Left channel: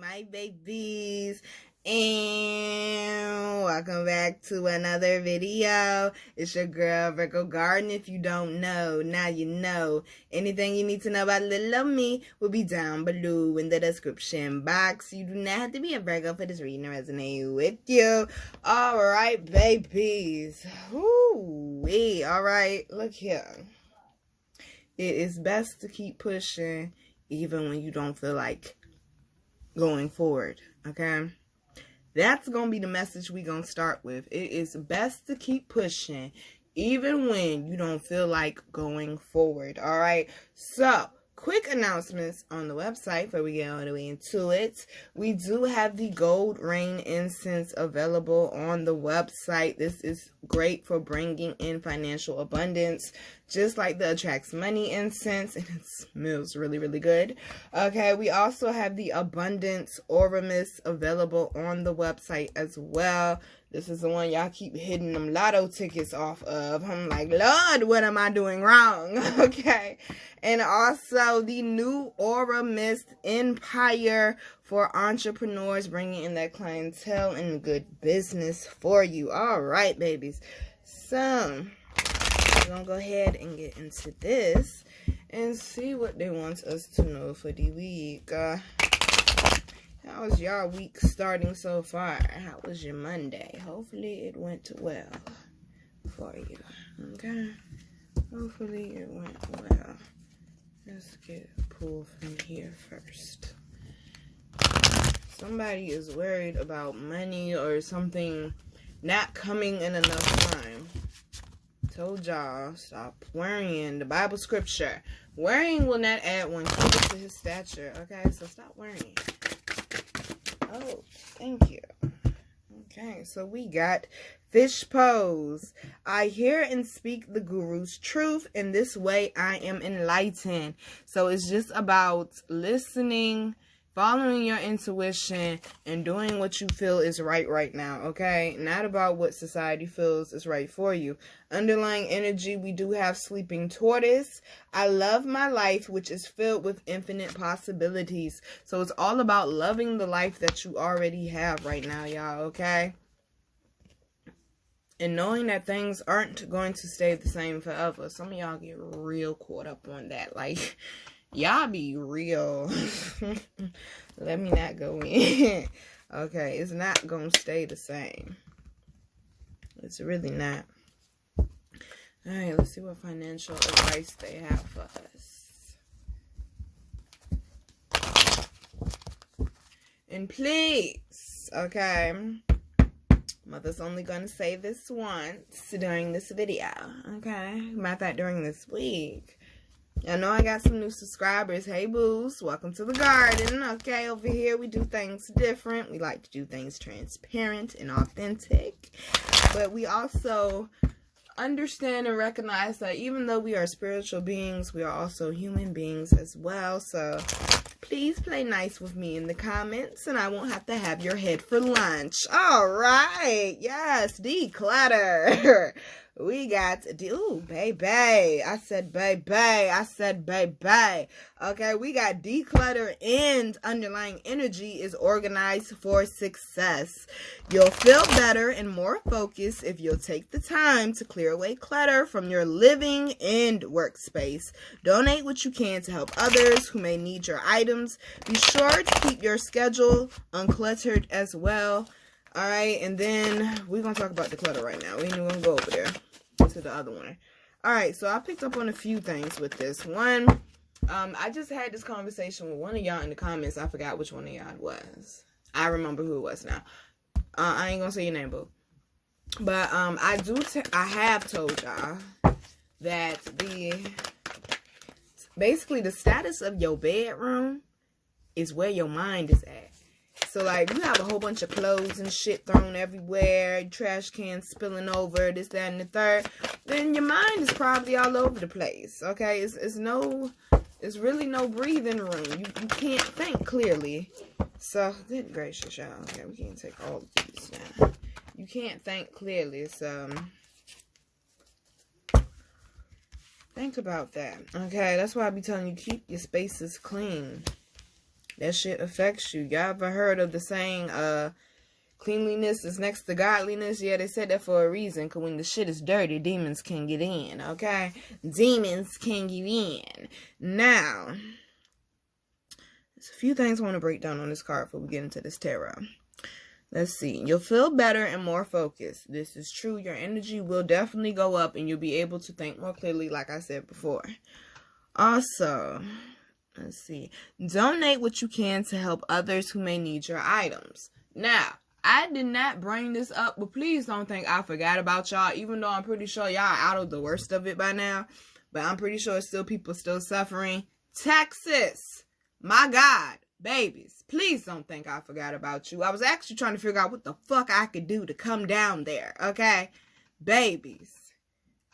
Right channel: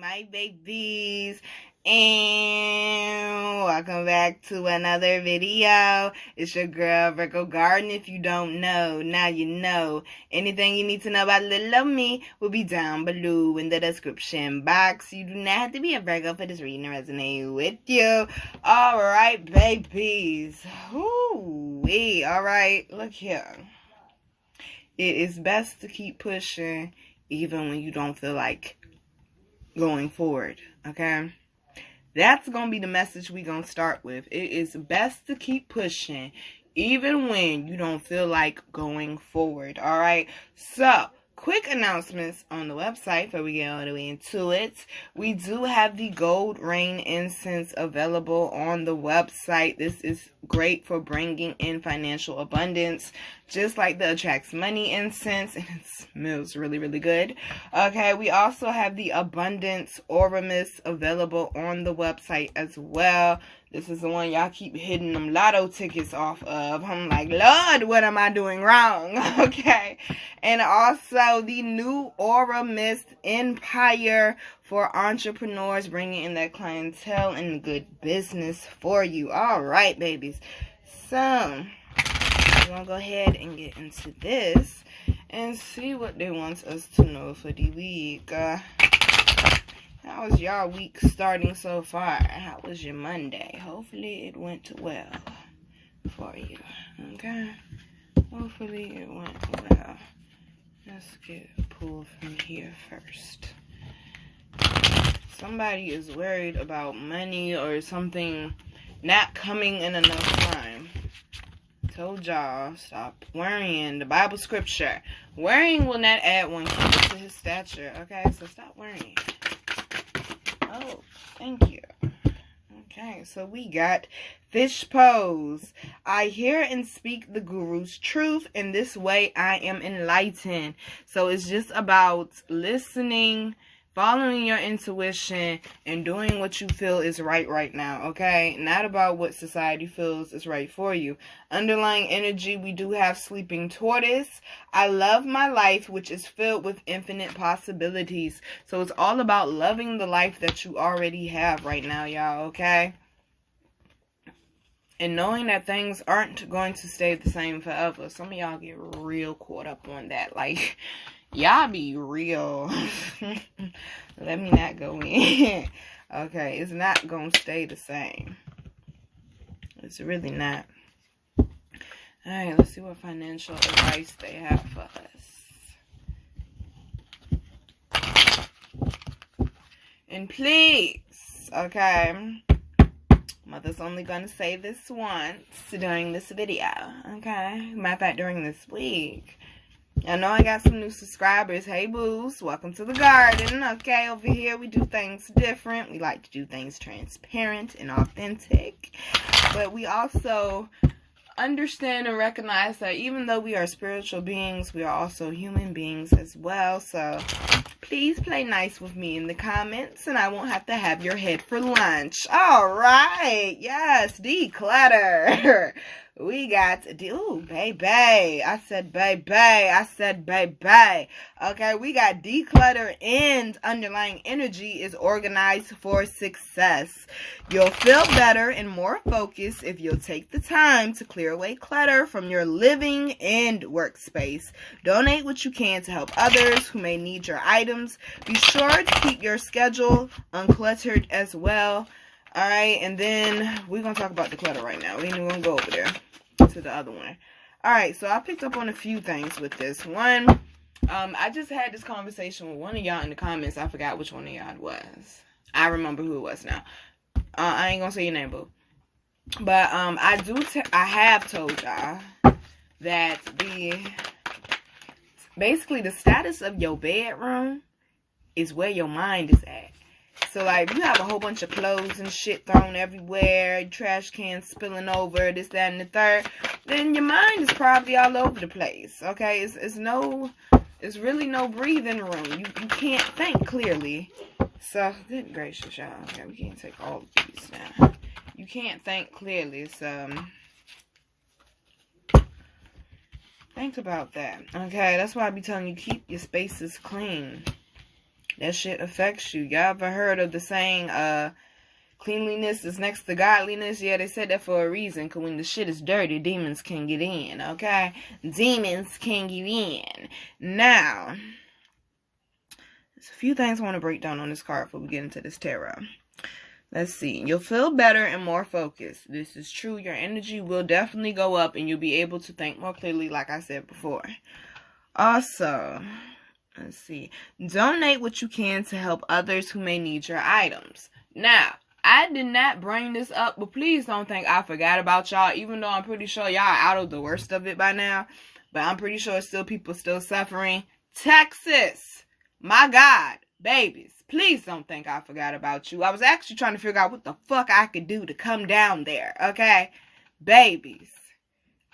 my babies, and welcome back to another video. It's your girl Virgo Garden. If you don't know, now you know. Anything you need to know about little old me will be down below in the description box. You do not have to be a Virgo for this reading to resonate with you. Alright, babies. Woo-wee. Alright, look here. It is best to keep pushing even when you don't feel like going forward, okay? That's going to be the message we're going to start with. It is best to keep pushing even when you don't feel like going forward, all right? So, quick announcements on the website before we get all the way into it. We do have the Gold Rain Incense available on the website. This is great for bringing in financial abundance, just like the Attracts Money incense, and it smells really, really good. Okay, we also have the Abundance Aura Mist available on the website as well. This is the one y'all keep hitting them lotto tickets off of. I'm like, Lord, what am I doing wrong? Okay. And also the new Aura Mist Empire for entrepreneurs, bringing in that clientele and good business for you. All right, babies. So, we're going to go ahead and get into this and see what they want us to know for the week. How was y'all week starting so far? How was your Monday? Hopefully it went well for you. Okay? Hopefully it went well. Let's get a pull from here first. Somebody is worried about money or something not coming in enough time. Told y'all, stop worrying. The Bible scripture. Worrying will not add 1 cubit to his stature. Okay, so stop worrying. Oh, thank you. Okay, so we got fish pose. I hear and speak the guru's truth. In this way, I am enlightened. So it's just about listening, following your intuition, and doing what you feel is right now, okay? Not about what society feels is right for you. Underlying energy, we do have Sleeping Tortoise. I love my life, which is filled with infinite possibilities. So it's all about loving the life that you already have right now, y'all, okay? And knowing that things aren't going to stay the same forever. Some of y'all get real caught up on that, like... Y'all be real. Let me not go in. Okay, it's not going to stay the same. It's really not. Alright, let's see what financial advice they have for us. And please, okay, Mother's only going to say this once during this video. Okay? Matter of fact, during this week. I know I got some new subscribers. Hey, boos. Welcome to the garden. Okay, over here we do things different. We like to do things transparent and authentic. But we also understand and recognize that even though we are spiritual beings, we are also human beings as well. So please play nice with me in the comments and I won't have to have your head for lunch. All right. Yes, declutter. We got, ooh, baby. I said baby. I said baby. Okay, we got declutter and underlying energy is organized for success. You'll feel better and more focused if you'll take the time to clear away clutter from your living and workspace. Donate what you can to help others who may need your items. Be sure to keep your schedule uncluttered as well. All right, and then we're going to talk about the clutter right now. We ain't even going to go over there to the other one. All right, so I picked up on a few things with this. One, I just had this conversation with one of y'all in the comments. I forgot which one of y'all it was. I remember who it was now. I ain't going to say your name, boo. But I have told y'all that basically the status of your bedroom is where your mind is at. So, like, you have a whole bunch of clothes and shit thrown everywhere, trash cans spilling over, this, that, and the third, then your mind is probably all over the place, okay? It's really no breathing room. You can't think clearly. So, good gracious, y'all. Okay, we can't take all of these now. You can't think clearly, so think about that, okay? That's why I be telling you, keep your spaces clean. That shit affects you. Y'all ever heard of the saying, cleanliness is next to godliness? Yeah, they said that for a reason, because when the shit is dirty, demons can get in, okay? Demons can get in. Now, there's a few things I want to break down on this card before we get into this tarot. Let's see. You'll feel better and more focused. This is true. Your energy will definitely go up and you'll be able to think more clearly, like I said before. Also, let's see. Donate what you can to help others who may need your items. Now, I did not bring this up, but please don't think I forgot about y'all, even though I'm pretty sure y'all are out of the worst of it by now. But I'm pretty sure still people still suffering. Texas, my God, babies, please don't think I forgot about you. I was actually trying to figure out what the fuck I could do to come down there, okay? Babies,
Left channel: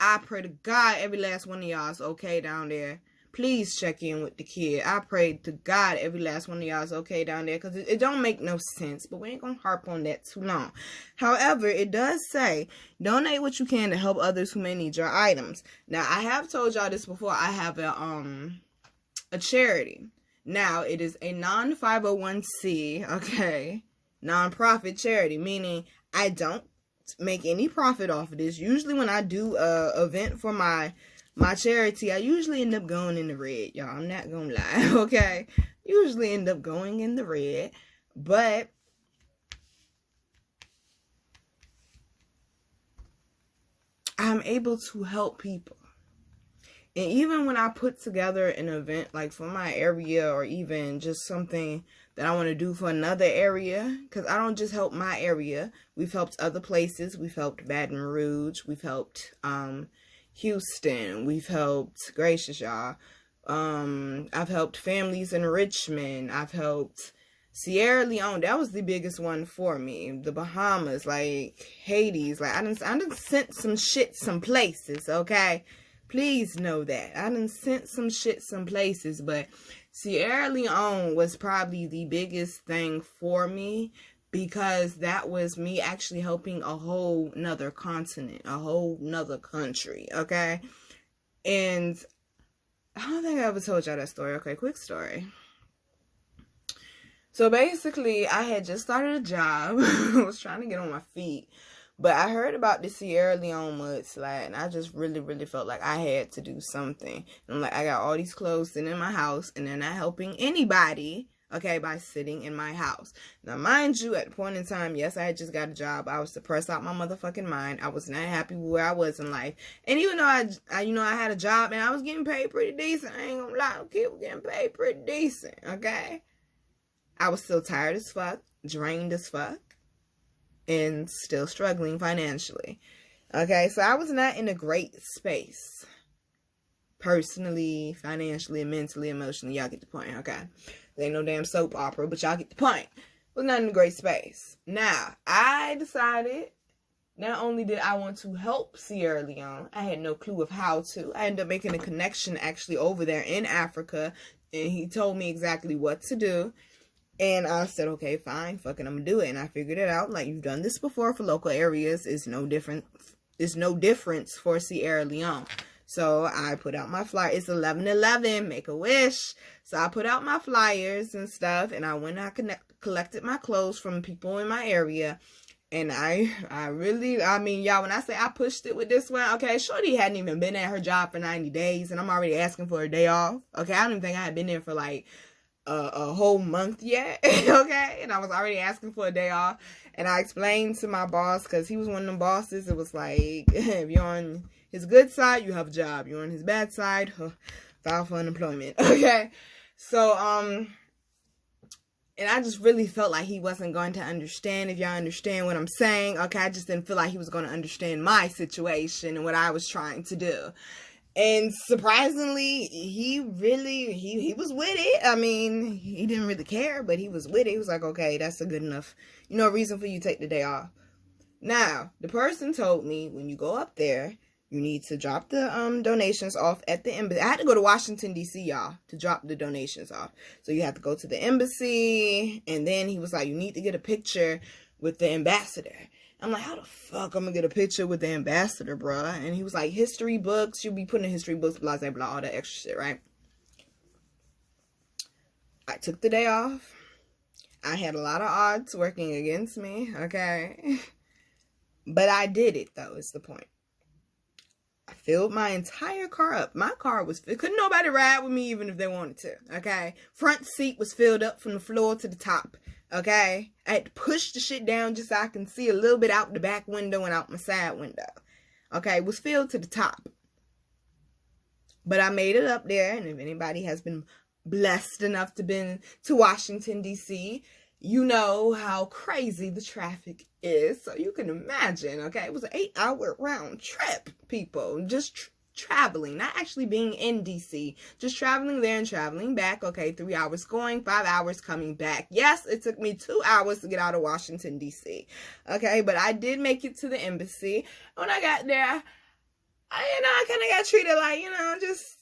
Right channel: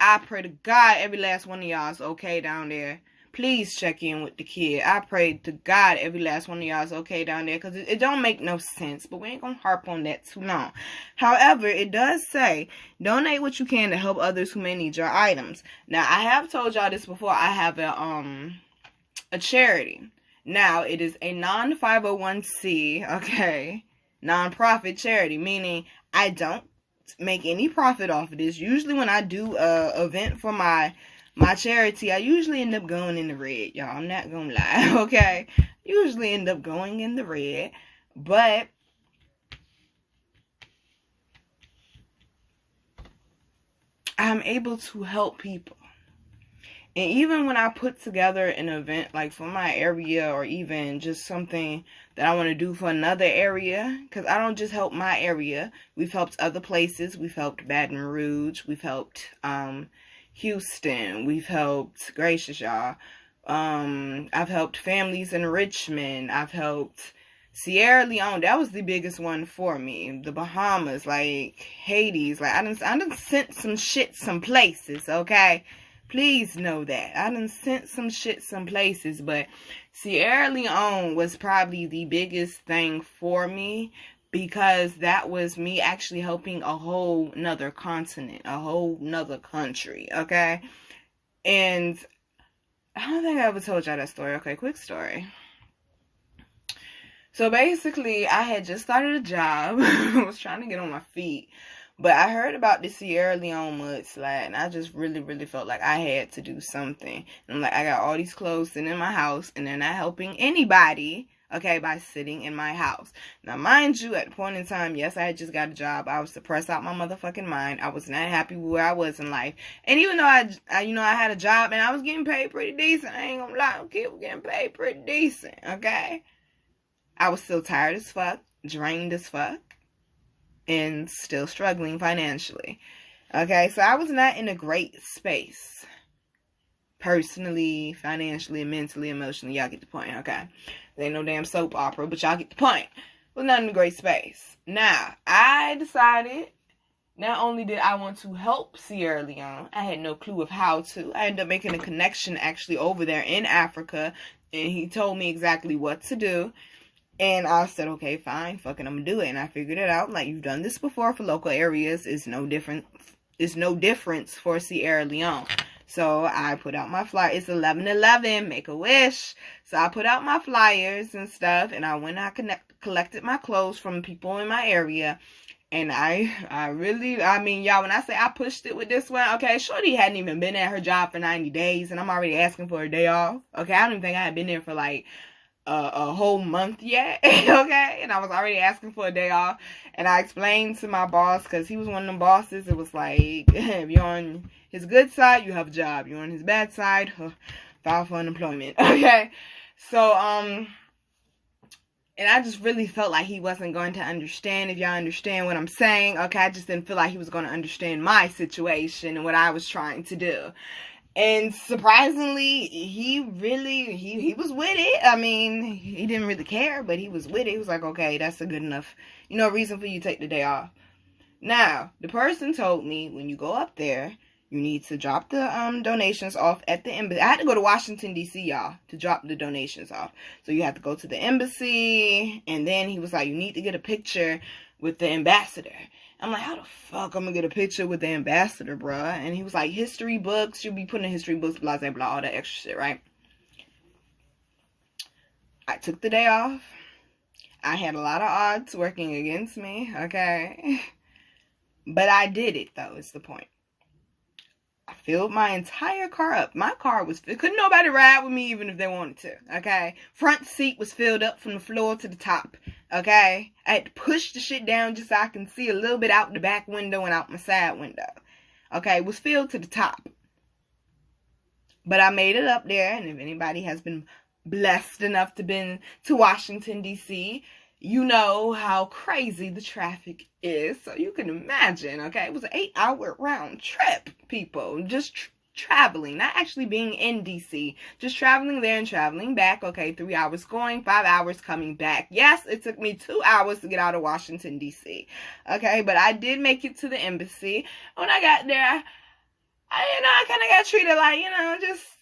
I pray to God every last one of y'all is okay down there. Please check in with the kid. I pray to God every last one of y'all is okay down there, because it don't make no sense, but we ain't gonna harp on that too long. However, it does say, donate what you can to help others who may need your items. Now, I have told y'all this before. I have a charity. Now, it is a non-501c, okay, non-profit charity, meaning I don't make any profit off of this. Usually when I do a event for my charity, I usually end up going in the red, y'all. I'm not gonna lie, okay? Usually end up going in the red, but I'm able to help people. And even when I put together an event like for my area, or even just something that I want to do for another area, because I don't just help my area. We've helped other places. We've helped Baton Rouge. We've helped Houston. We've helped, gracious y'all, I've helped families in Richmond. I've helped Sierra Leone. That was the biggest one for me. The Bahamas, like Haiti. Like I done sent some shit some places, okay? Please know that. I done sent some shit some places, but Sierra Leone was probably the biggest thing for me, because that was me actually helping a whole nother continent, a whole nother country, okay? And I don't think I ever told y'all that story. Okay, quick story. So basically, I had just started a job. I was trying to get on my feet. But I heard about the Sierra Leone mudslide, and I just really, really felt like I had to do something. And I'm like, I got all these clothes sitting in my house, and they're not helping anybody, okay, by sitting in my house. Now, mind you, at the point in time, yes, I had just got a job. I was depressed out my motherfucking mind. I was not happy with where I was in life. And even though I had a job, and I was getting paid pretty decent, I ain't gonna lie, okay, we're getting paid pretty decent, okay? I was still tired as fuck, drained as fuck, and still struggling financially. Okay, so I was not in a great space. Personally, financially, mentally, emotionally. Y'all get the point, okay? There ain't no damn soap opera, but y'all get the point. Was not in a great space. Now, I decided, not only did I want to help Sierra Leone, I had no clue of how to. I ended up making a connection actually over there in Africa, and he told me exactly what to do. And I said, okay, fine, fucking, I'm gonna do it. And I figured it out. Like, you've done this before for local areas. It's no different. It's no difference for Sierra Leone. So I put out my flyer. It's 11/11. Make a wish. So I put out my flyers and stuff. And I went and I collected my clothes from people in my area. And I mean, y'all, when I say I pushed it with this one, okay, Shorty hadn't even been at her job for 90 days. And I'm already asking for a day off. Okay, I don't even think I had been there for like a whole month yet, okay, and I was already asking for a day off. And I explained to my boss, because he was one of them bosses, it was like, if you're on his good side, you have a job. You're on his bad side, file for unemployment, okay? So, and I just really felt like he wasn't going to understand, if y'all understand what I'm saying, okay? I just didn't feel like he was going to understand my situation and what I was trying to do. And surprisingly, he was with it. I mean, he didn't really care, but he was with it. He was like, okay, that's a good enough, reason for you to take the day off. Now, the person told me, when you go up there, you need to drop the donations off at the embassy. I had to go to Washington, D.C., y'all, to drop the donations off. So you have to go to the embassy, and then he was like, you need to get a picture with the ambassador. I'm like, how the fuck I'm gonna get a picture with the ambassador, bruh? And he was like, history books. You'll be putting in history books, blah, blah, blah, all that extra shit, right? I took the day off. I had a lot of odds working against me, okay? But I did it, though, is the point. I filled my entire car up. My car was filled. Couldn't nobody ride with me even if they wanted to, okay? Front seat was filled up from the floor to the top, okay? I had to push the shit down just so I can see a little bit out the back window and out my side window, okay? It was filled to the top. But I made it up there, and if anybody has been blessed enough to been to Washington, D.C., you know how crazy the traffic is. So you can imagine, okay? It was an 8-hour round trip, people. Just traveling, not actually being in D.C. Just traveling there and traveling back. Okay, 3 hours going, 5 hours coming back. Yes, it took me 2 hours to get out of Washington, D.C. Okay, but I did make it to the embassy. When I got there, I kind of got treated like,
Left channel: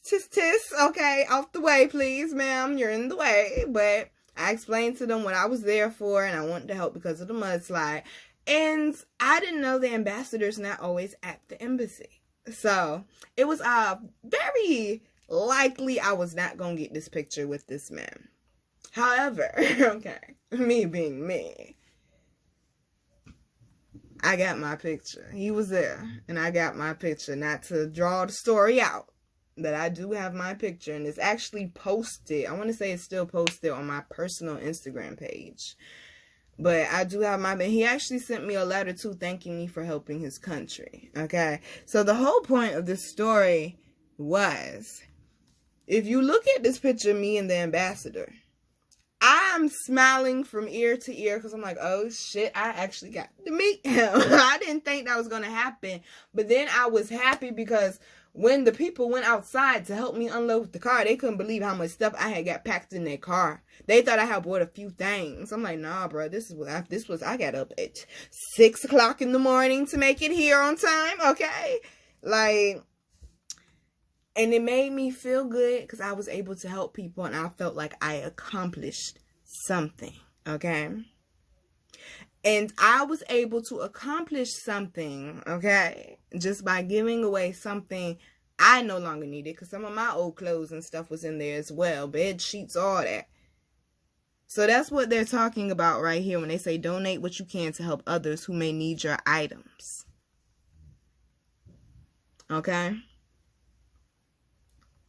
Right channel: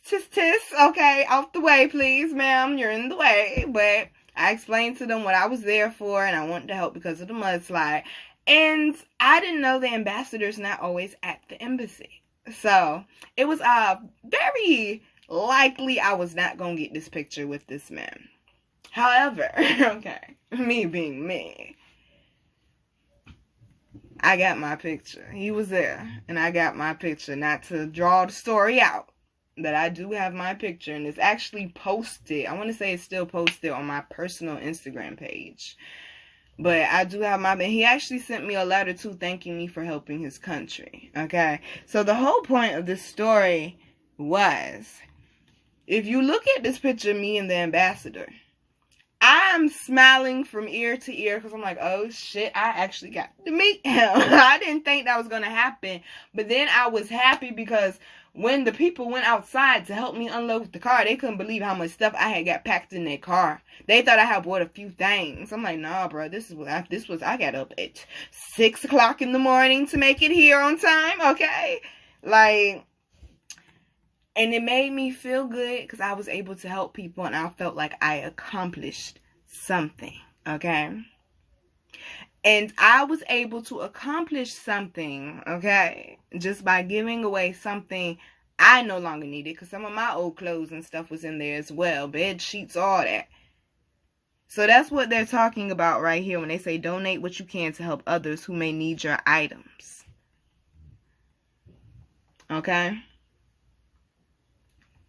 just tis, okay, off the way, please, ma'am, you're in the way. But I explained to them what I was there for, and I wanted to help because of the mudslide. And I didn't know the ambassador's not always at the embassy. So it was very likely I was not going to get this picture with this man. However, okay, me being me, I got my picture. He was there, and I got my picture. Not to draw the story out, but I do have my picture, and it's actually posted. I want to say it's still posted on my personal Instagram page. But I do have he actually sent me a letter, too, thanking me for helping his country, okay? So the whole point of this story was, if you look at this picture of me and the ambassador, I am smiling from ear to ear because I'm like, oh shit, I actually got to meet him. I didn't think that was going to happen. But then I was happy because when the people went outside to help me unload the car, they couldn't believe how much stuff I had got packed in their car. They thought I had bought a few things. I'm like, nah, bro, I got up at 6 o'clock in the morning to make it here on time, okay? And it made me feel good because I was able to help people, and I felt like I accomplished something, okay? And I was able to accomplish something, okay, just by giving away something I no longer needed, because some of my old clothes and stuff was in there as well, bed sheets, all that. So that's what they're talking about right here when they say donate what you can to help others who may need your items, okay?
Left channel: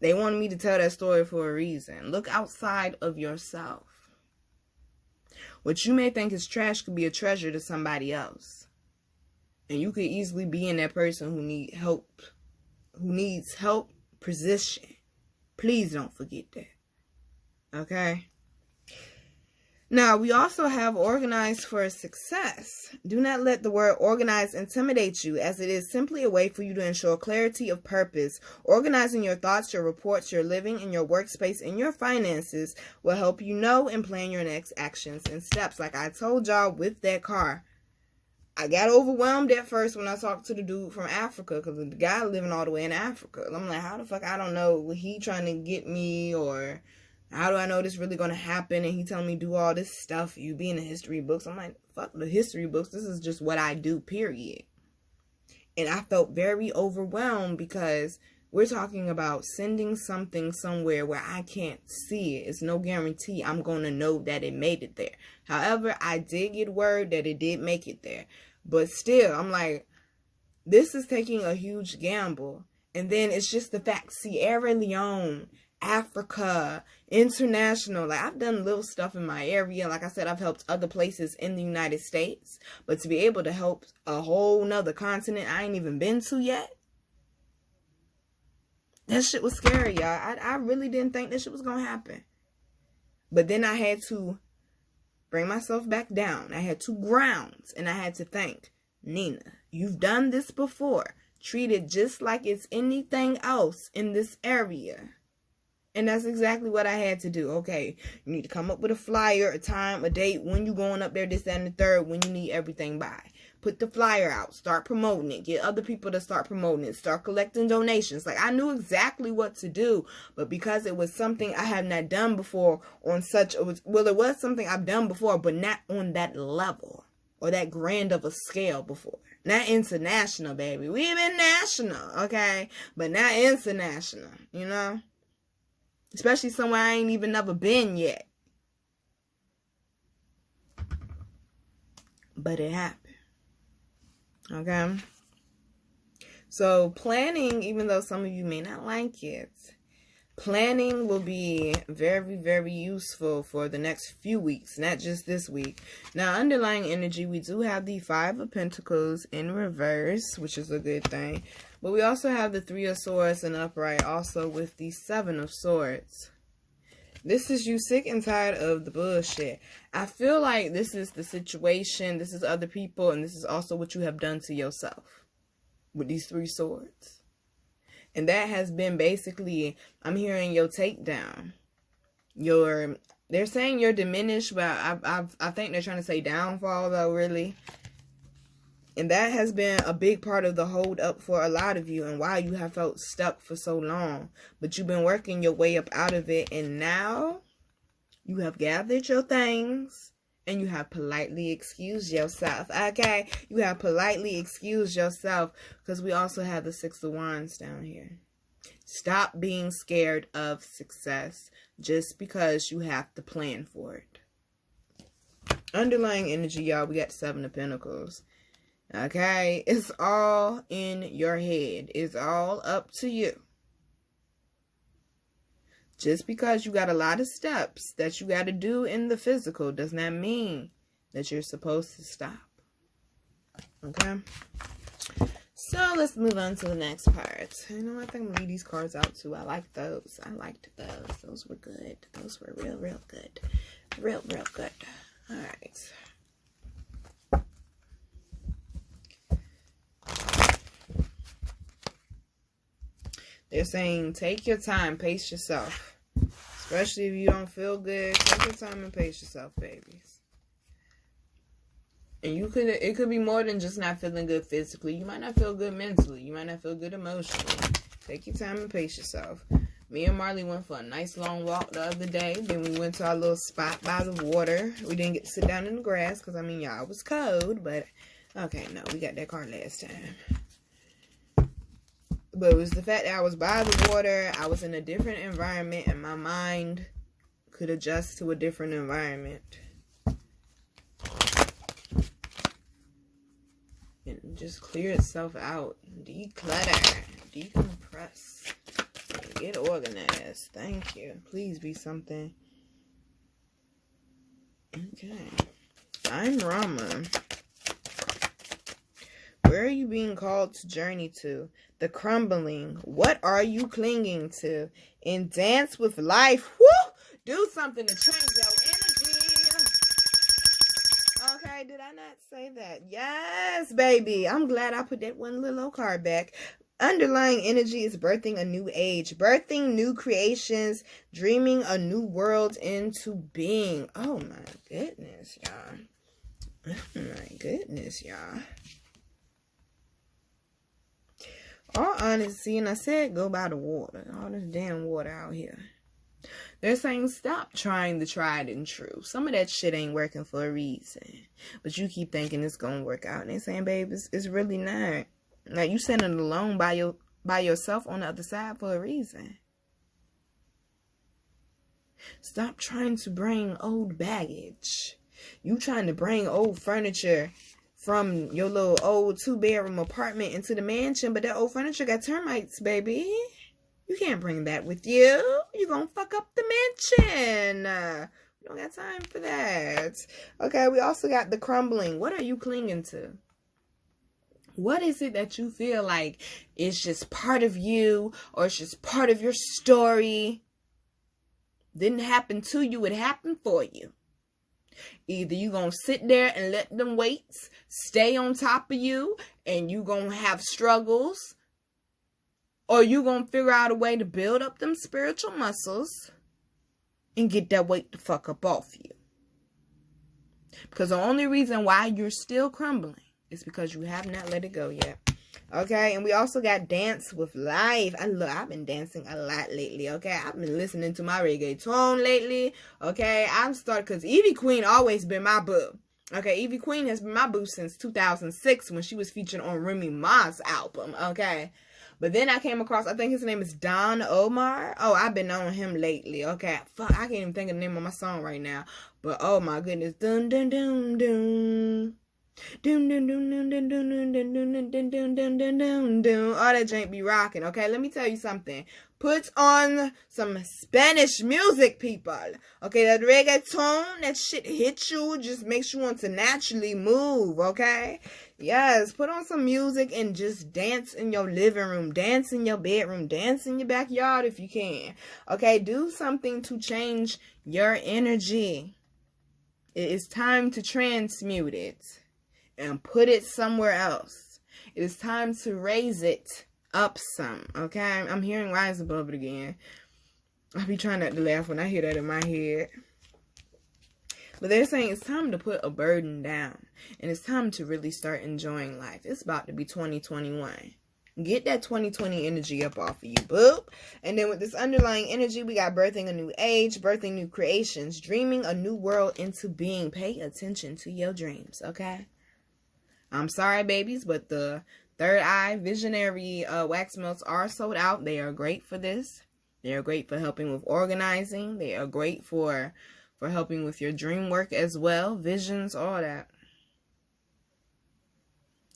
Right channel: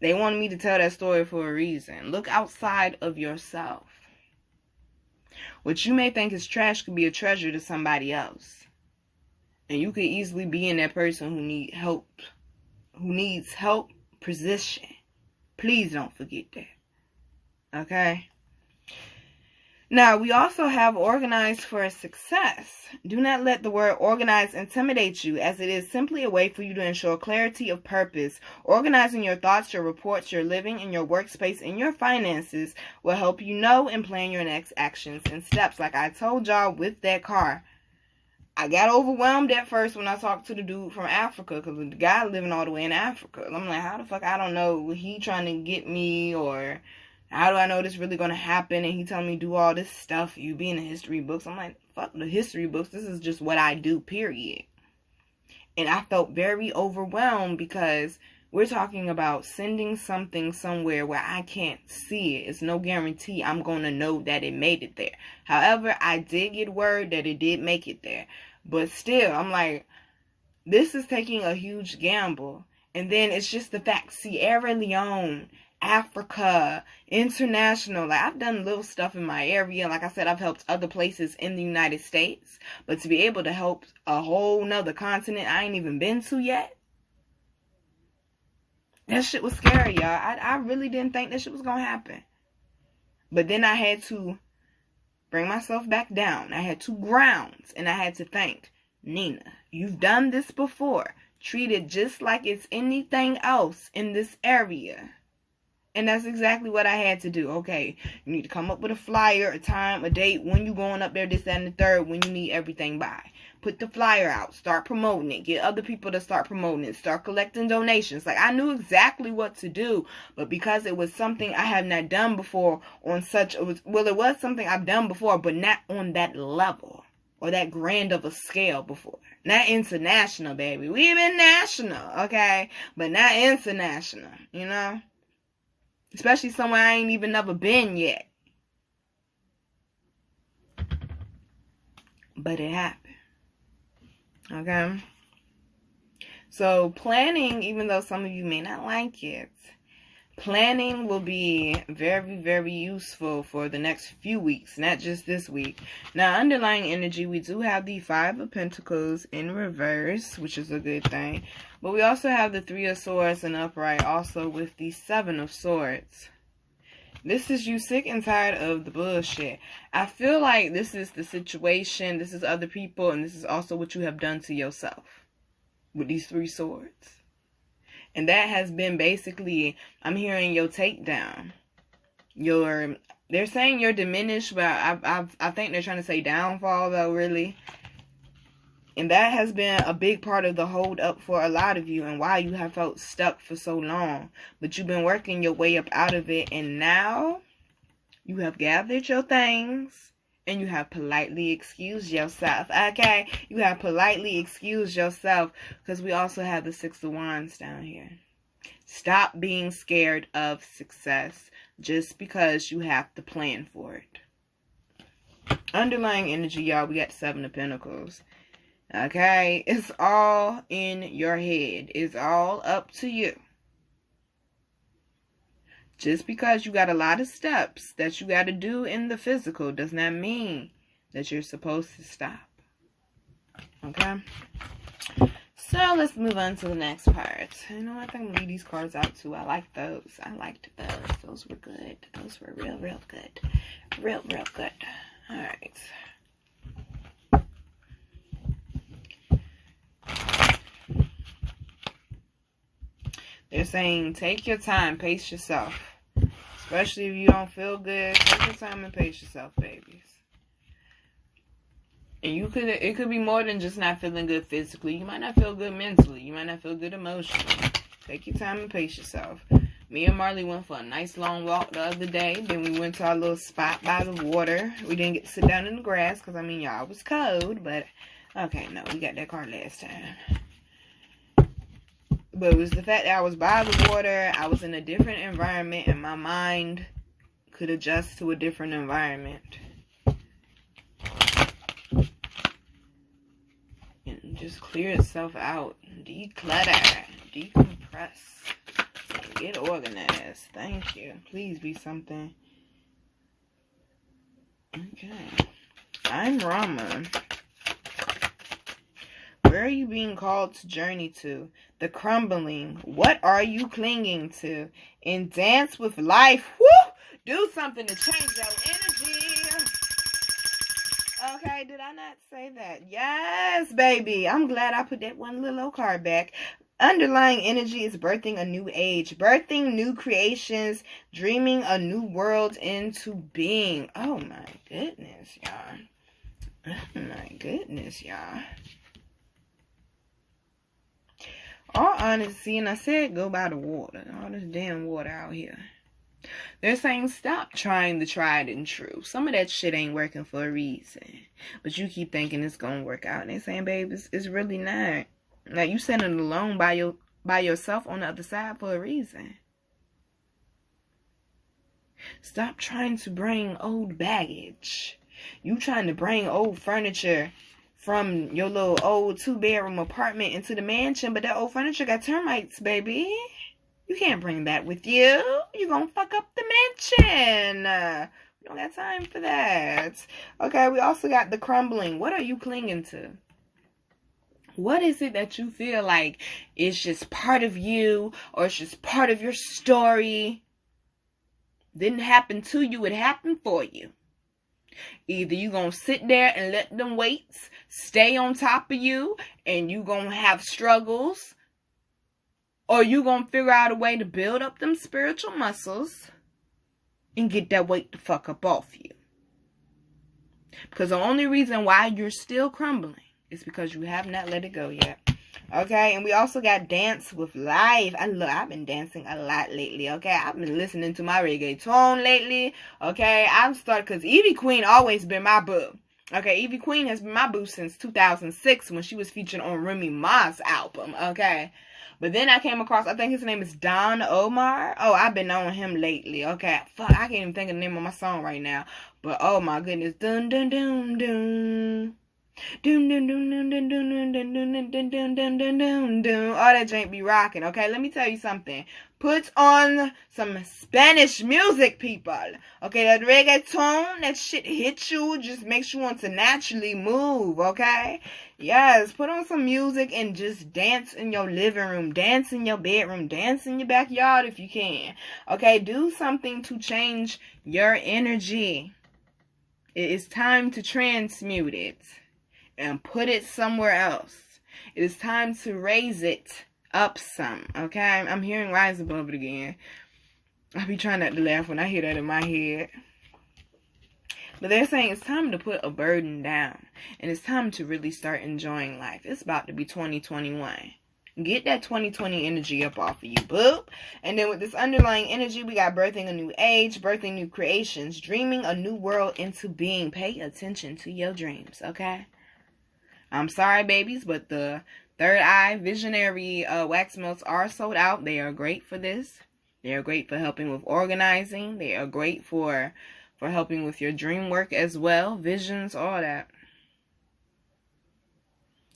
They wanted me to tell that story for a reason. Look outside of yourself. What you may think is trash could be a treasure to somebody else. And you could easily be in that person who needs help position. Please don't forget that. Okay? Now, we also have organized for success. Do not let the word organize intimidate you, as it is simply a way for you to ensure clarity of purpose. Organizing your thoughts, your reports, your living, and your workspace and your finances will help you know and plan your next actions and steps. Like I told y'all with that car, I got overwhelmed at first when I talked to the dude from Africa, because the guy living all the way in Africa. I'm like, how the fuck, I don't know, he trying to get me, or how do I know this really going to happen? And he telling me do all this stuff. You be in the history books. I'm like, fuck the history books. This is just what I do, period. And I felt very overwhelmed because we're talking about sending something somewhere where I can't see it. It's no guarantee I'm going to know that it made it there. However, I did get word that it did make it there. But still, I'm like, this is taking a huge gamble. And then it's just the fact, Sierra Leone, Africa, international. Like, I've done little stuff in my area. Like I said, I've helped other places in the United States. But to be able to help a whole nother continent I ain't even been to yet, that shit was scary, y'all. I really didn't think that shit was gonna happen. But then I had to bring myself back down. I had 2 grounds, and I had to think, Nina, you've done this before. Treat it just like it's anything else in this area. And that's exactly what I had to do. Okay, you need to come up with a flyer, a time, a date, when you going up there, this, that, and the third, when you need everything by. Put the flyer out. Start promoting it. Get other people to start promoting it. Start collecting donations. Like, I knew exactly what to do. But because it was something I have not done before on such... it was something I've done before, but not on that level or that grand of a scale before. Not international, baby. We've been national, okay? But not international, you know? Especially somewhere I ain't even never been yet. but it happened. Okay? So planning, even though some of you may not like it, planning will be very, very useful for the next few weeks, not just this week. Now, underlying energy, we do have the Five of Pentacles in reverse, which is a good thing. But we also have the Three of Swords in upright, also with the Seven of Swords. This is you sick and tired of the bullshit. I feel like this is the situation, this is other people, and this is also what you have done to yourself with these Three Swords. And that has been basically, I'm hearing your takedown. They're saying you're diminished, but I think they're trying to say downfall though, really. And that has been a big part of the hold up for a lot of you and why you have felt stuck for so long. But you've been working your way up out of it, and now you have gathered your things and you have politely excused yourself. Okay? You have politely excused yourself, because we also have the Six of Wands down here. Stop being scared of success just because you have to plan for it. Underlying energy, y'all, we got the Seven of Pentacles. Okay, it's all in your head. It's all up to you. Just because you got a lot of steps that you got to do in the physical does not mean that you're supposed to stop. Okay? So let's move on to the next part. You know, I think I'm going to leave these cards out too. I like those. I liked those. Those were good. Those were real, real good. Real, real good. All right. They're saying, take your time, pace yourself. Especially if you don't feel good, take your time and pace yourself, babies. And it could be more than just not feeling good physically. You might not feel good mentally. You might not feel good emotionally. Take your time and pace yourself. Me and Marley went for a nice long walk the other day. Then we went to our little spot by the water. We didn't get to sit down in the grass because, I mean, y'all, it was cold. But, okay, no, we got that card last time. But it was the fact that I was by the water, I was in a different environment, and my mind could adjust to a different environment. And just clear itself out. Declutter. Decompress. Get organized. Thank you. Please be something. Okay. I'm Rama. Where are you being called to journey to? The crumbling. What are you clinging to? And dance with life. Woo! Do something to change your energy. Okay, did I not say that? Yes, baby. I'm glad I put that one little old card back. Underlying energy is birthing a new age. Birthing new creations. Dreaming a new world into being. Oh, my goodness, y'all. Oh, my goodness, y'all. All honesty, and I said go by the water. All this damn water out here. They're saying stop trying the tried and true. Some of that shit ain't working for a reason. But you keep thinking it's going to work out. And they're saying, babe, it's really not. Now, you sitting alone by yourself on the other side for a reason. Stop trying to bring old baggage. You trying to bring old furniture from your little old 2-bedroom apartment into the mansion, but that old furniture got termites, baby. You can't bring that with you. You're going to fuck up the mansion. We don't got time for that. Okay, we also got the crumbling. What are you clinging to? What is it that you feel like is just part of you, or it's just part of your story? Didn't happen to you, it happened for you. Either you gonna sit there and let them weights stay on top of you and you gonna have struggles, or you gonna figure out a way to build up them spiritual muscles and get that weight the fuck up off you. Because the only reason why you're still crumbling is because you have not let it go yet. Okay, and we also got Dance with Life. I've been dancing a lot lately, okay? I've been listening to my reggaeton lately, okay? I've started, because Evie Queen always been my boo. Okay, Evie Queen has been my boo since 2006 when she was featured on Remy Ma's album, okay? But then I came across, I think his name is Don Omar. Oh, I've been on him lately, okay? Fuck, I can't even think of the name of my song right now. But, oh my goodness. Dun, dun, dun, dun. Doom, doom, doom, doom, doom, doom, doom, doom, doom, doom, doom, doom, doom, doom, doom. All that jank be rocking, okay? Let me tell you something. Put on some Spanish music, people. Okay, that reggaeton, that shit hits you, just makes you want to naturally move, okay? Yes, put on some music and just dance in your living room, dance in your bedroom, dance in your backyard if you can. Okay, do something to change your energy. It is time to transmute it and put it somewhere else. It is time to raise it up some, okay? I'm hearing rise above it again. I be trying not to laugh when I hear that in my head. But they're saying it's time to put a burden down. And it's time to really start enjoying life. It's about to be 2021. Get that 2020 energy up off of you, boop. And then with this underlying energy, we got birthing a new age, birthing new creations, dreaming a new world into being. Pay attention to your dreams, okay? I'm sorry, babies, but the Third Eye Visionary wax melts are sold out. They are great for this. They are great for helping with organizing. They are great for helping with your dream work as well. Visions, all that.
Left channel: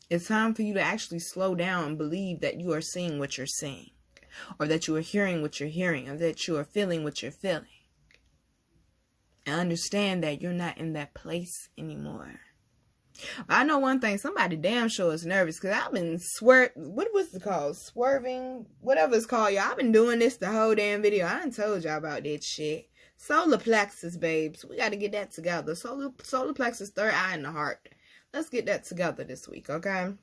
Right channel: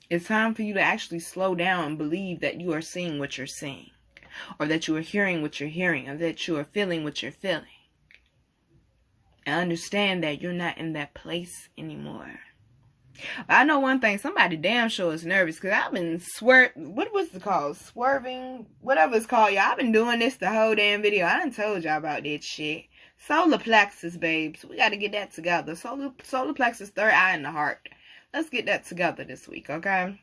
It's time for you to actually slow down and believe that you are seeing what you're seeing. Or that you are hearing what you're hearing. Or that you are feeling what you're feeling. And understand that you're not in that place anymore. I know one thing, somebody damn sure is nervous because I've been what was it called? Swerving, whatever it's called, y'all. I've been doing this the whole damn video. I done told y'all about that shit. Solar plexus, babes. We got to get that together. Solar plexus, third eye in the heart. Let's get that together this week, okay?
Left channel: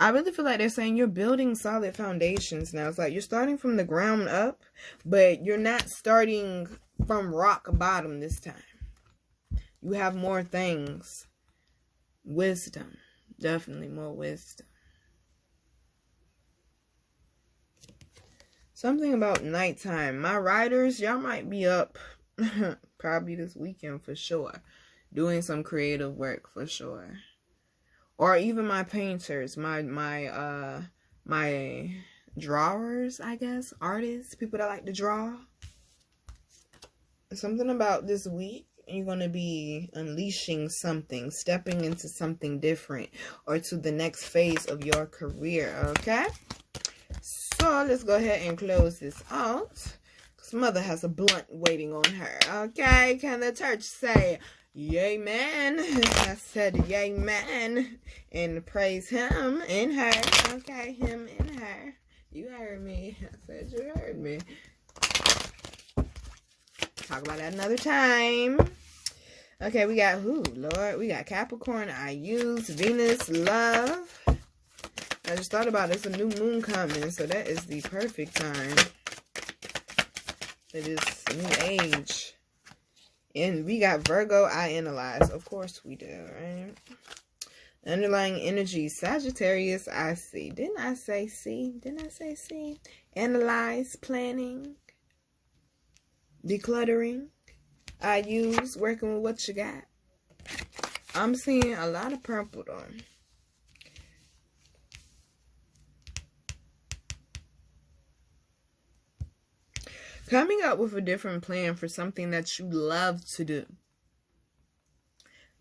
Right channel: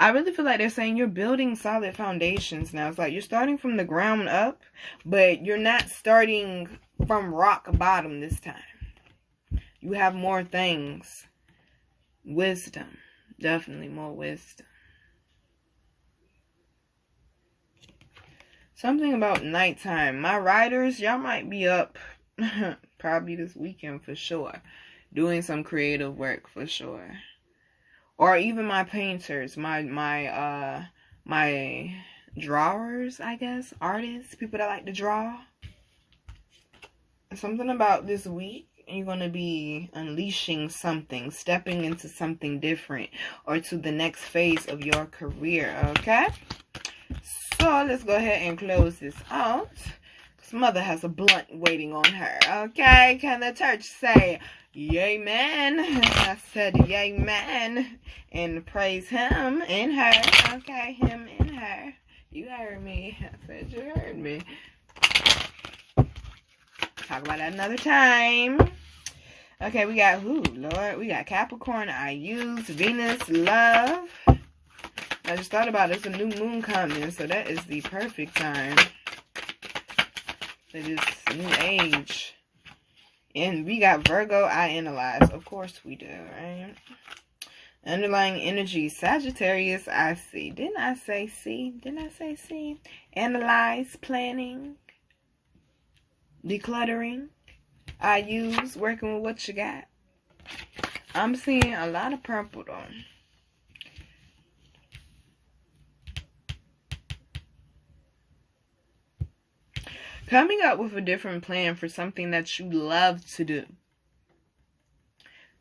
I really feel like they're saying you're building solid foundations now. It's like you're starting from the ground up, but you're not starting from rock bottom this time. You have more things. Wisdom. Definitely more wisdom. Something about nighttime. My writers, y'all might be up probably this weekend for sure. Doing some creative work for sure. Or even my painters, my drawers, I guess. Artists, people that like to draw. Something about this week. You're going to be unleashing something, stepping into something different, or to the next phase of your career, okay? So, let's go ahead and close this out. Because Mother has a blunt waiting on her, okay? Can the church say, yay, man? I said, yay, man. And praise him in her, okay? Him in her. You heard me. I said you heard me. Talk about that another time. Okay, we got, Lord, we got Capricorn, I use, Venus, love. I just thought about it. It's a new moon coming, so that is the perfect time for this new age. And we got Virgo, I analyze. Of course we do, right? Underlying energy, Sagittarius, I see. Didn't I say see? Didn't I say see? Analyze, planning. Decluttering. I use, working with what you got. I'm seeing a lot of purple though. Coming up with a different plan for something that you love to do.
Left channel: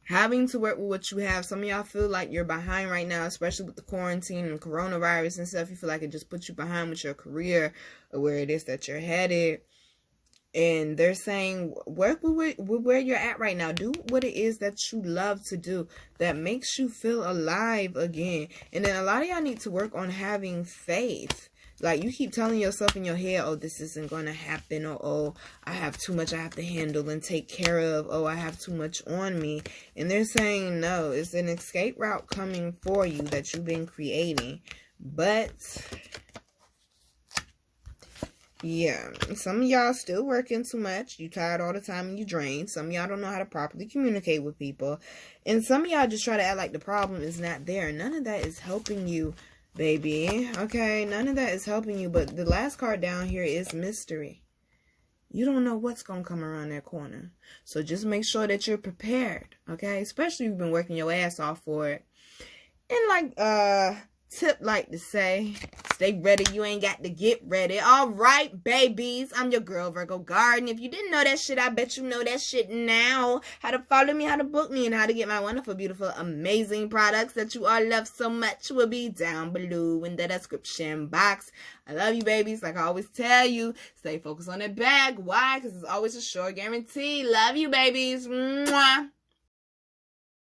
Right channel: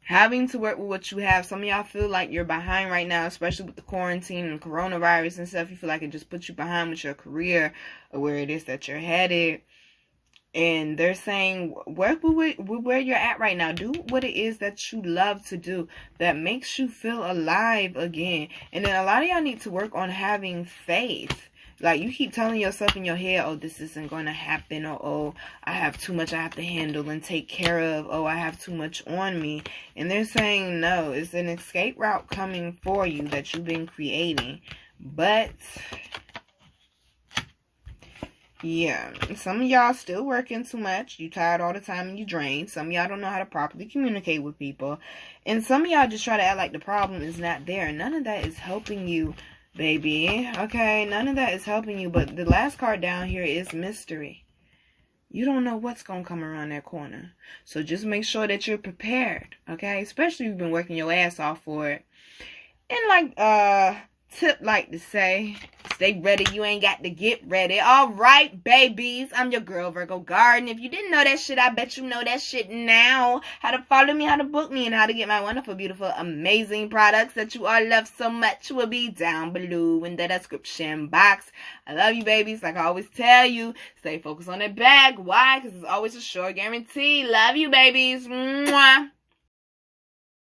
Having to work with what you have. Some of y'all feel like you're behind right now, especially with the quarantine and coronavirus and stuff. You feel like it just puts you behind with your career or where it is that you're headed. And they're saying, work with where you're at right now. Do what it is that you love to do that makes you feel alive again. And then a lot of y'all need to work on having faith. Like, you keep telling yourself in your head, oh, this isn't going to happen. Or, oh, I have too much I have to handle and take care of. Oh, I have too much on me. And they're saying, no, it's an escape route coming for you that you've been creating. But yeah, some of y'all still working too much. You tired all the time and you drained. Some of y'all don't know how to properly communicate with people. And some of y'all just try to act like the problem is not there. None of that is helping you, baby. Okay, none of that is helping you. But the last card down here is mystery. You don't know what's going to come around that corner. So just make sure that you're prepared. Okay, especially if you've been working your ass off for it. And like tip like to say, stay ready, you ain't got to get ready. All right, babies, I'm your girl, Virgo Garden. If you didn't know that shit, I bet you know that shit now. How to follow me, how to book me, and how to get my wonderful, beautiful, amazing products that you all love so much will be down below in the description box. I love you, babies. Like I always tell you, stay focused on that bag. Why? Because it's always a sure guarantee. Love you, babies. Mwah.